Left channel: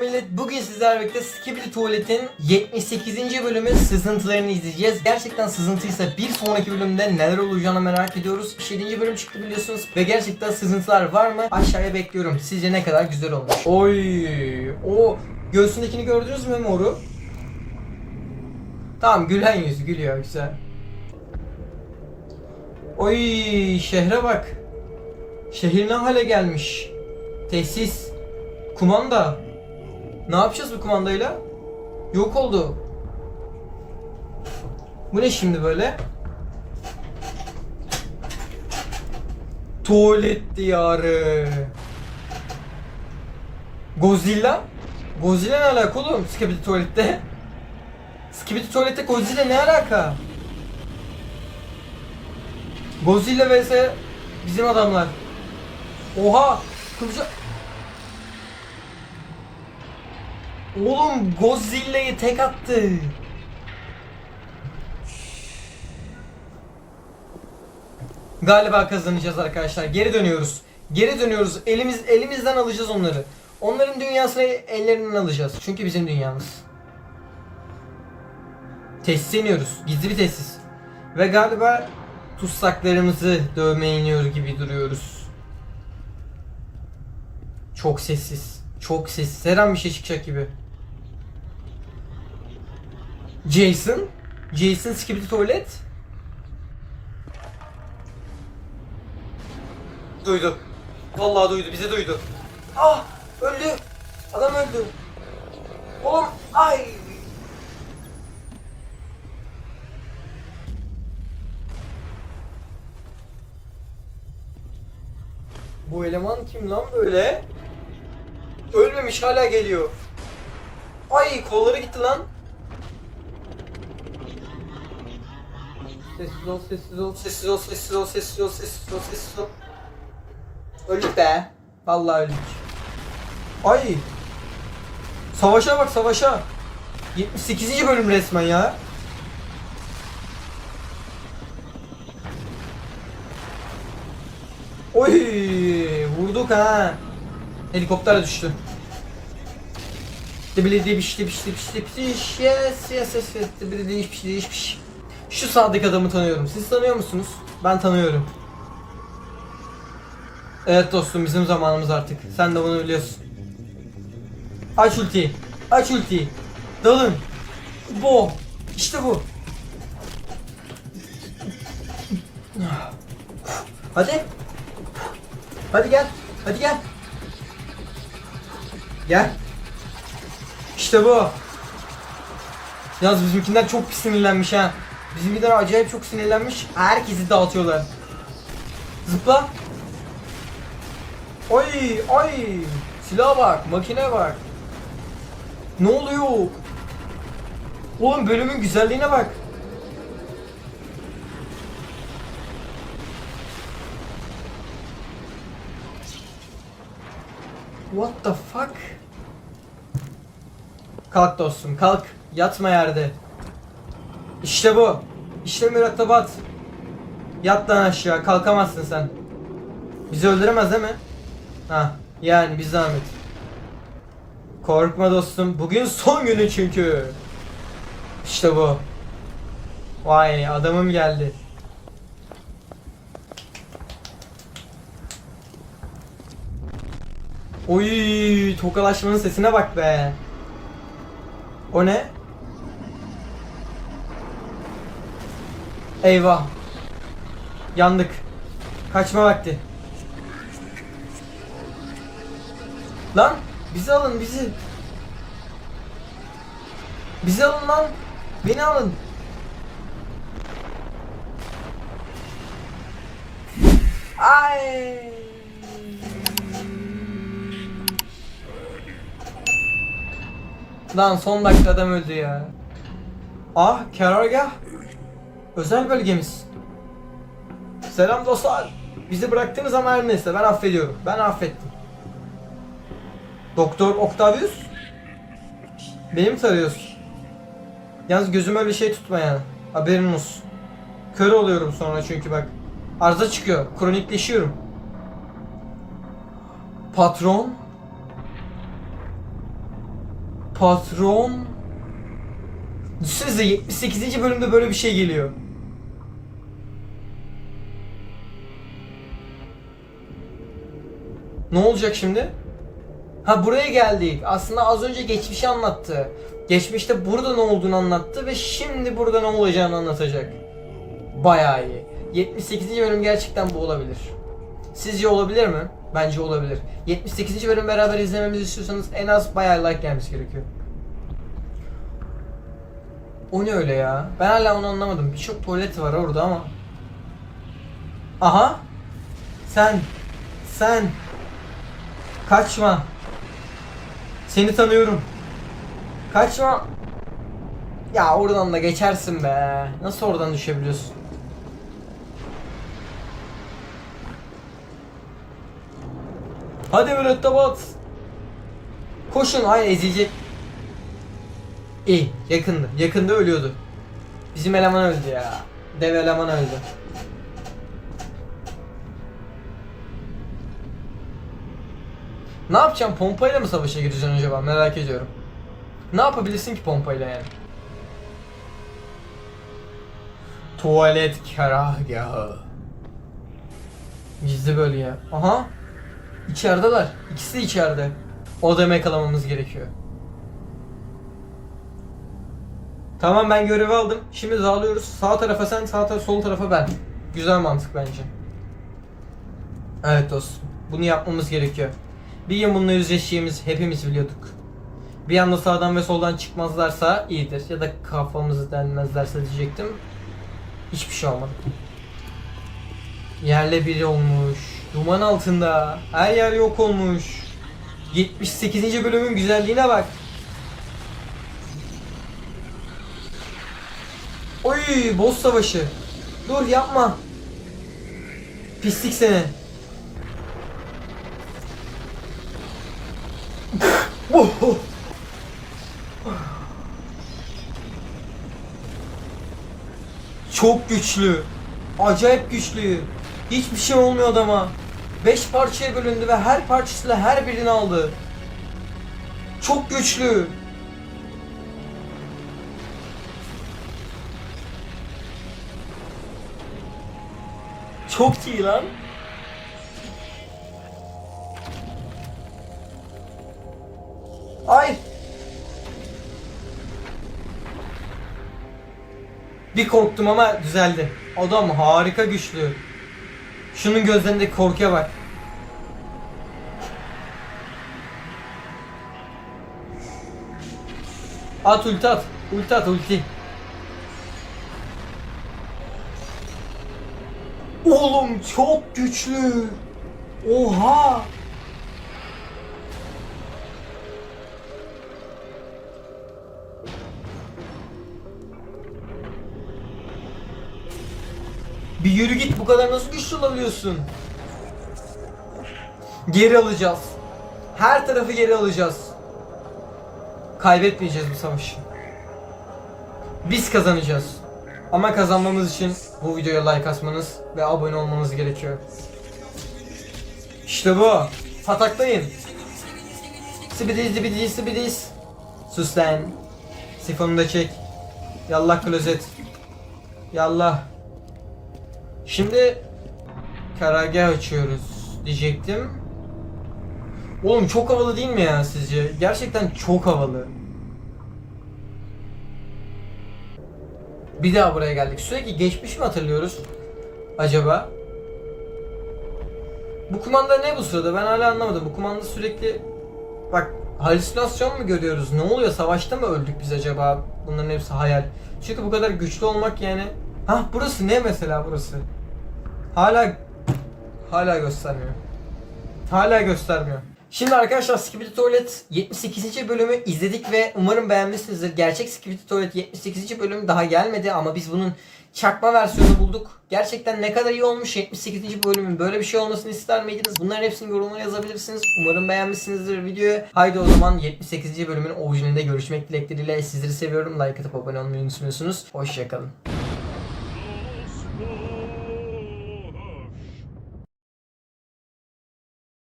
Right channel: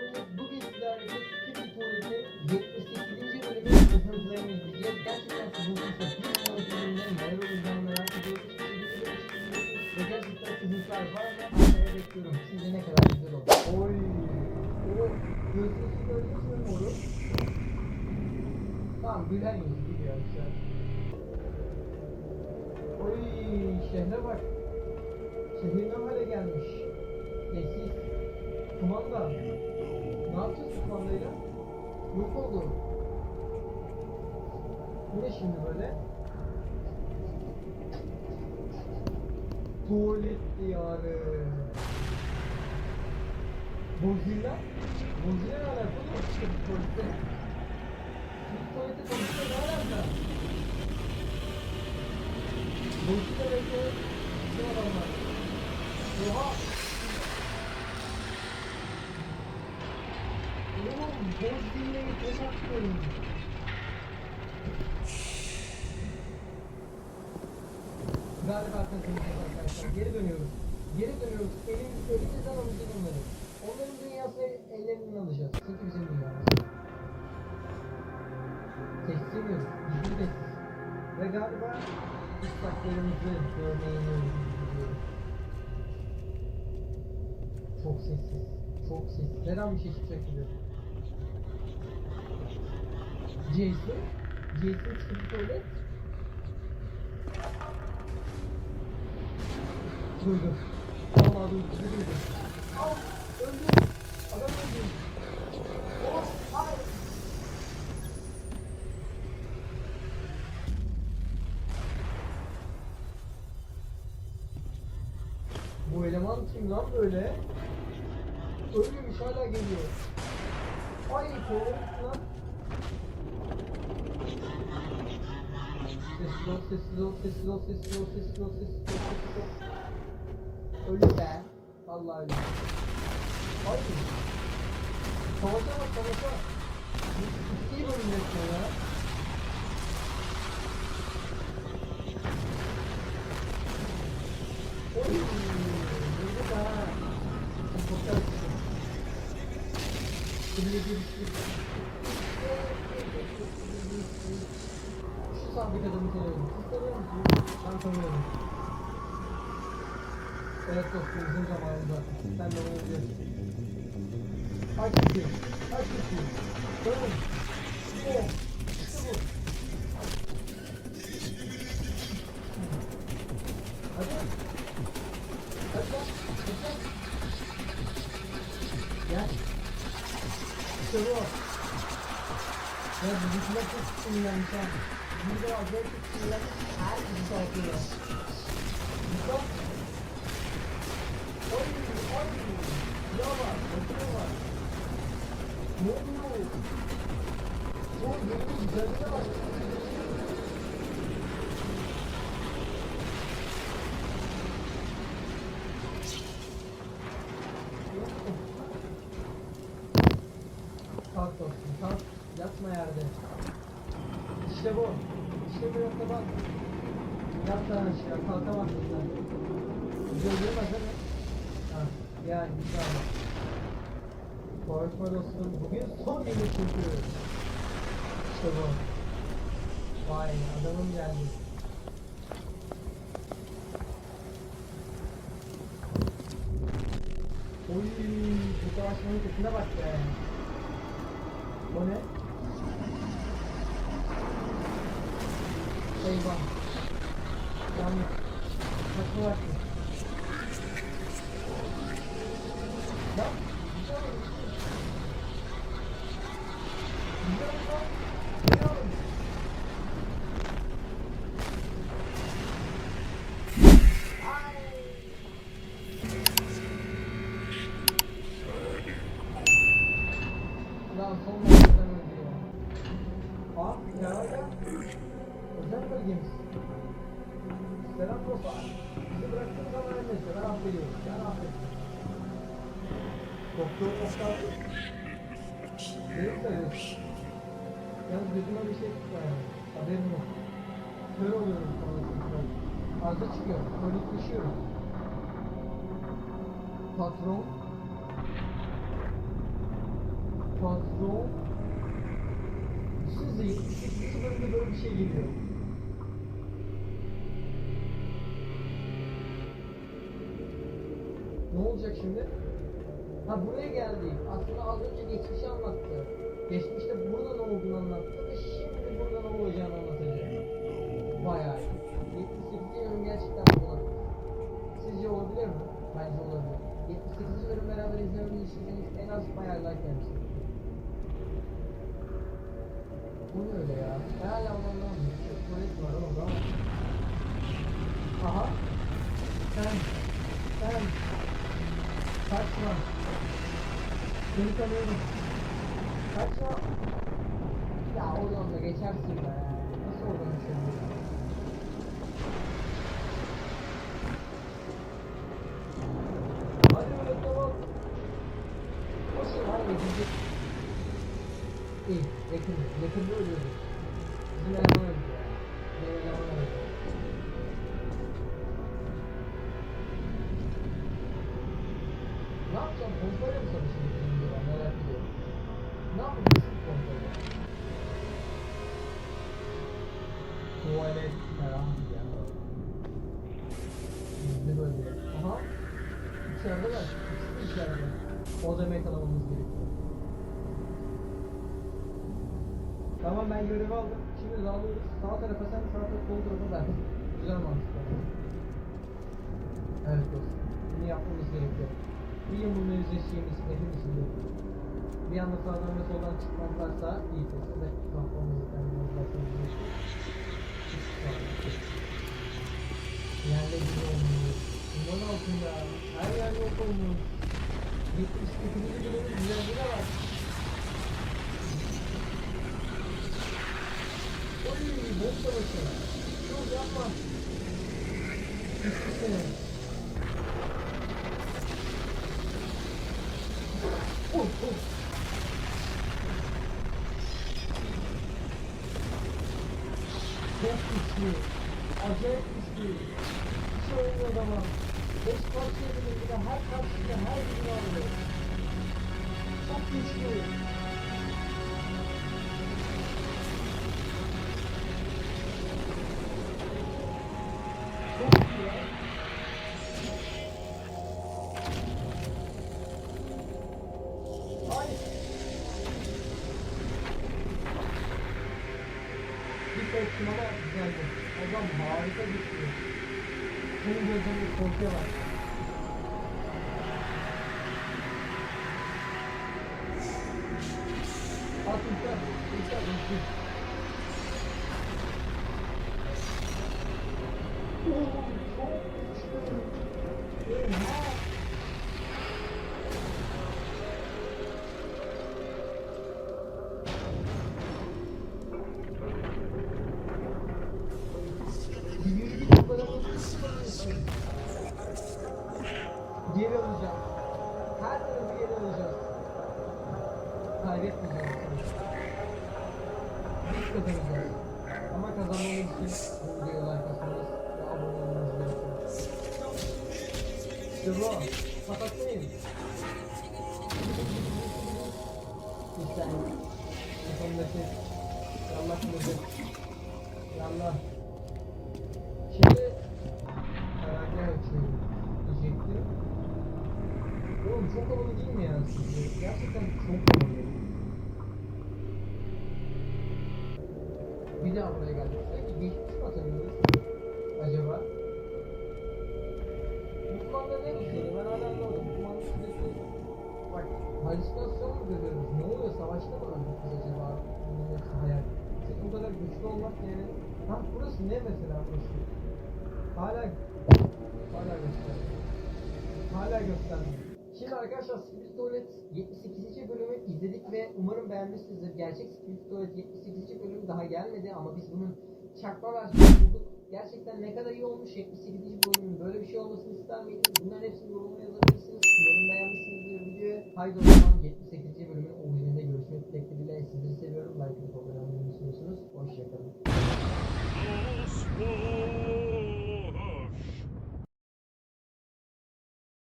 Millet. Bugün sizlerle birlikte Skibidi Tuvalet'in 78. bölümün sızıntılarını izleyeceğiz. Gerçekten sızıntıysa bir sonraki bölümde neler olacağını merak ediyoruz. 7. bölüm çıktı biliyorsunuz ve gerçekten sızıntılar var mı? Aşağıya bekliyorum. Sizce ne kadar güzel olmuş. Oy! O göğsündekini gördünüz mü moru? Tamam gülen yüz gülüyor güzel. Oy şehre bak. Şehir ne hale gelmiş. Tesis. Kumanda. Ne yapacağız bu kumandayla? Yok oldu. Bu ne şimdi böyle? Tuvalet diyarı. Godzilla? Godzilla ne alaka oğlum Skibidi tuvalette? Skibidi tuvalette Godzilla ne alaka? Godzilla vs bizim adamlar. Oha! Kılıca... Oğlum Godzilla'yı tek attı. Galiba kazanacağız arkadaşlar. Geri dönüyoruz. Geri dönüyoruz. Elimiz elimizden alacağız onları. Onların dünyasını ellerinden alacağız. Çünkü bizim dünyamız. Tesise iniyoruz. Gizli bir tesis. Ve galiba tutsaklarımızı dövmeye iniyor gibi duruyoruz. Çok sessiz. Çok sessiz. Her an bir şey çıkacak gibi. Jason. Jason Skibidi Tuvalet. Duydu. Vallahi duydu. Bize duydu. Ah! Öldü. Adam öldü. Oğlum ay! Bu eleman kim lan böyle? Ölmemiş hala geliyor. Ay kolları gitti lan. Sessiz ol, sessiz ol, sessiz ol, sessiz ol, sessiz ol, sessiz ol, sessiz ol. Öldük be. Vallahi öldük. Ay. Savaşa bak savaşa. 78. bölüm resmen ya. Oy vurduk ha. Helikopter düştü. Dibili dibiş dibiş dibiş dibiş yes yes yes yes dibili dibiş dibiş dibiş Şu sağdaki adamı tanıyorum. Siz tanıyor musunuz? Ben tanıyorum. Evet dostum bizim zamanımız artık. Sen de bunu biliyorsun. Aç ultiyi. Aç ultiyi. Dalın. Bu. İşte bu. Hadi. Hadi gel. Hadi gel. Gel. İşte bu. Yalnız bizimkiler çok sinirlenmiş ha. Bizimkiler acayip çok sinirlenmiş. Herkesi dağıtıyorlar. Zıpla. Oy ay. Silah var, makine var. Ne oluyor? Oğlum bölümün güzelliğine bak. What the fuck? Kalk dostum kalk. Yatma yerde. İşte bu. İşte mürettebat. Yat lan aşağı kalkamazsın sen. Bizi öldüremez değil mi? Ha yani bir zahmet. Korkma dostum. Bugün son günü çünkü. İşte bu. Vay adamım geldi. Oy tokalaşmanın sesine bak be. O ne? Eyvah. Yandık. Kaçma vakti. Lan bizi alın bizi. Bizi alın lan. Beni alın. Ay. Lan son dakika adam öldü ya. Ah karargah. Özel bölgemiz. Selam dostlar. Bizi bıraktınız ama her neyse ben affediyorum. Ben affettim. Doktor Octavius? Beni mi tarıyorsun? Yalnız gözüm öyle şey tutma yani. Haberin olsun. Kör oluyorum sonra çünkü bak. Arıza çıkıyor. Kronikleşiyorum. Patron? Patron. Düşünsenize 78. bölümde böyle bir şey geliyor. Ne olacak şimdi? Ha buraya geldik. Aslında az önce geçmişi anlattı. Geçmişte burada ne olduğunu anlattı ve şimdi burada ne olacağını anlatacak. Bayağı iyi. 78. bölüm gerçekten bu olabilir. Sizce olabilir mi? Bence olabilir. 78. bölüm beraber izlememizi istiyorsanız en az bayağı like gelmesi gerekiyor. O ne öyle ya? Ben hala onu anlamadım. Birçok tuvalet var orada ama. Aha. Sen. Sen. Kaçma. Seni tanıyorum. Kaçma. Ya oradan da geçersin be. Nasıl oradan düşebiliyorsun? Hadi mürettebat. Koşun hayır ezilecek. İyi yakındı. Yakında ölüyordu. Bizim eleman öldü ya. Dev eleman öldü. Ne yapacağım? Pompayla mı savaşa gireceksin acaba? Merak ediyorum. Ne yapabilirsin ki pompayla yani? Tuvalet karargahı. Gizli bölge. Aha. İçerideler. İkisi de içeride. O adamı yakalamamız gerekiyor. Tamam ben görevi aldım. Şimdi dağılıyoruz. Sağ tarafa sen, sağ tarafa, sol tarafa ben. Güzel mantık bence. Evet dostum. Bunu yapmamız gerekiyor. Bir gün bununla yüzleşeceğimiz hepimiz biliyorduk. Bir anda sağdan ve soldan çıkmazlarsa iyidir. Ya da kafamızı denmezlerse diyecektim. Hiçbir şey olmadı. Yerle biri olmuş. Duman altında. Her yer yok olmuş. 78. bölümün güzelliğine bak. Oy boss savaşı. Dur yapma. Pislik seni. Çok güçlü. Acayip güçlü. Hiçbir şey olmuyor adama. 5 parçaya bölündü ve her parçasıyla her birini aldı. Çok güçlü. Çok iyi lan. Ay. Bir korktum ama düzeldi. Adam harika güçlü. Şunun gözlerindeki korkuya bak. At ulti at. Ulti at ulti. Oğlum çok güçlü. Oha. Yürü git bu kadar nasıl güçlü olabiliyorsun? Geri alacağız. Her tarafı geri alacağız. Kaybetmeyeceğiz bu savaşı. Biz kazanacağız. Ama kazanmamız için bu videoya like atmanız ve abone olmanız gerekiyor. İşte bu. Pataklayın. Sibidiz sibidiz sibidiz. Sus lan. Sifonu da çek. Yallah klozet. Yallah. Şimdi karargah açıyoruz diyecektim. Oğlum çok havalı değil mi ya sizce? Gerçekten çok havalı. Bir daha buraya geldik. Sürekli geçmiş mi hatırlıyoruz? Acaba? Bu kumanda ne bu sırada? Ben hala anlamadım. Bu kumanda sürekli... Bak halüsinasyon mu görüyoruz? Ne oluyor? Savaşta mı öldük biz acaba? Bunların hepsi hayal. Çünkü bu kadar güçlü olmak yani... Hah burası ne mesela burası? Hala... Hala göstermiyor. Hala göstermiyor. Şimdi arkadaşlar Skibidi Tuvalet 78. bölümü izledik ve umarım beğenmişsinizdir. Gerçek Skibidi Tuvalet 78. bölüm daha gelmedi ama biz bunun çakma versiyonu bulduk. Gerçekten ne kadar iyi olmuş 78. bölümün böyle bir şey olmasını ister miydiniz? Bunların hepsini yorumlara yazabilirsiniz. Umarım beğenmişsinizdir videoyu. Haydi o zaman 78. bölümün orijinalinde görüşmek dilekleriyle sizleri seviyorum. Like atıp abone olmayı unutmuyorsunuz. Hoşçakalın.